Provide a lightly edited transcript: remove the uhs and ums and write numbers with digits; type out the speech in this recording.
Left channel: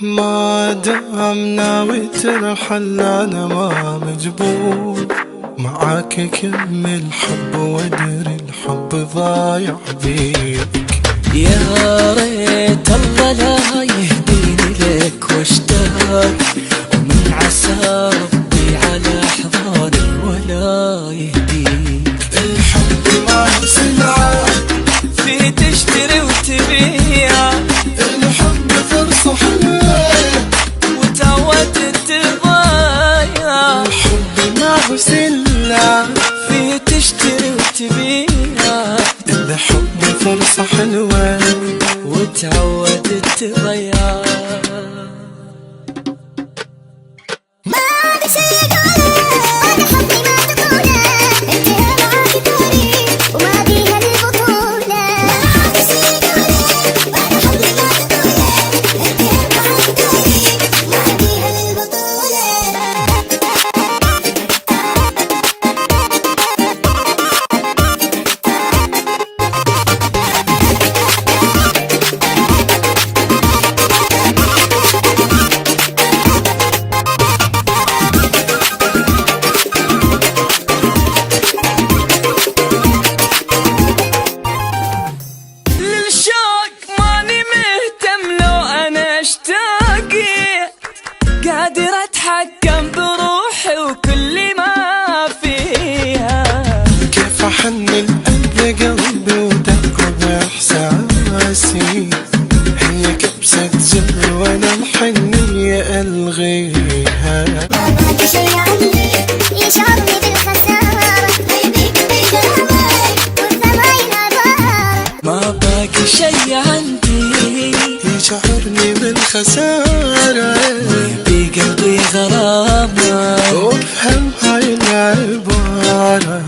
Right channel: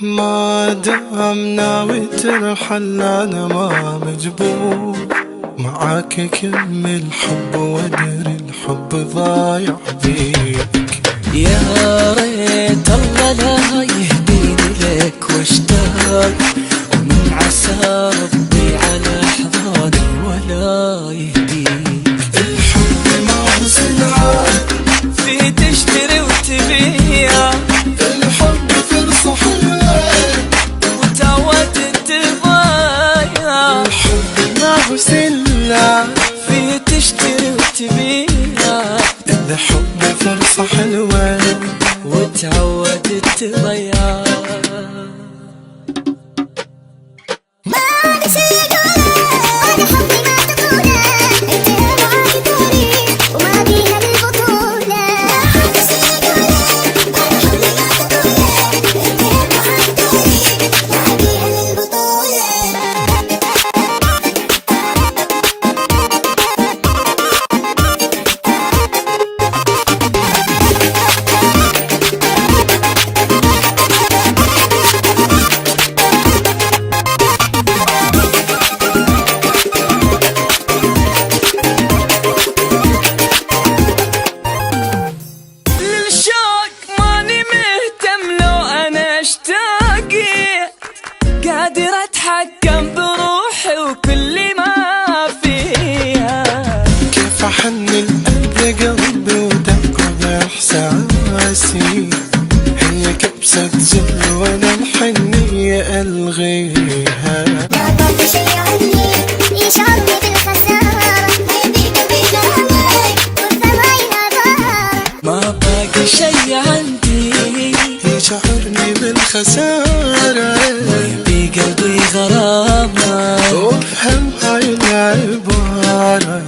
ما دام ناوي ترحل أنا ما مجبور، معاك كمل حب وادري الحب ضايع بيك. يا ريت الله لا يهديني لك واشتاق، ومن عسى ربي على أحضاني ولا يهديك. الحب ما هو سلعة في تشتري وتبيع، الحب فرصة حلوة وتعودت تضيع. الحب ما هو سلعة في تشتري وتبيع، الحب فرصة حلوة وتعودت تضيع. ما أدري شي أقوله، أنا حبي ما تطوله، انتهى معاك تاريخ وما بيها البطولة. ما أدري شي أقوله، أنا حبي ما تطوله، انتهى معاك تاريخ وما بيها البطولة. قادر اتحكم بروحي وكل ما فيها. كيف احن القلب قلبي ودق باحساسي، هي كبسة زر وانا الحنية الغيها. ما باقي شي عندي يشعرني بالخسارة، ويبيك بغلاوة والثماين عبارة. ما باقي شي عندي يشعرني بالخسارة، ويبي قلبي غرامة. وافهم هاي العبارة.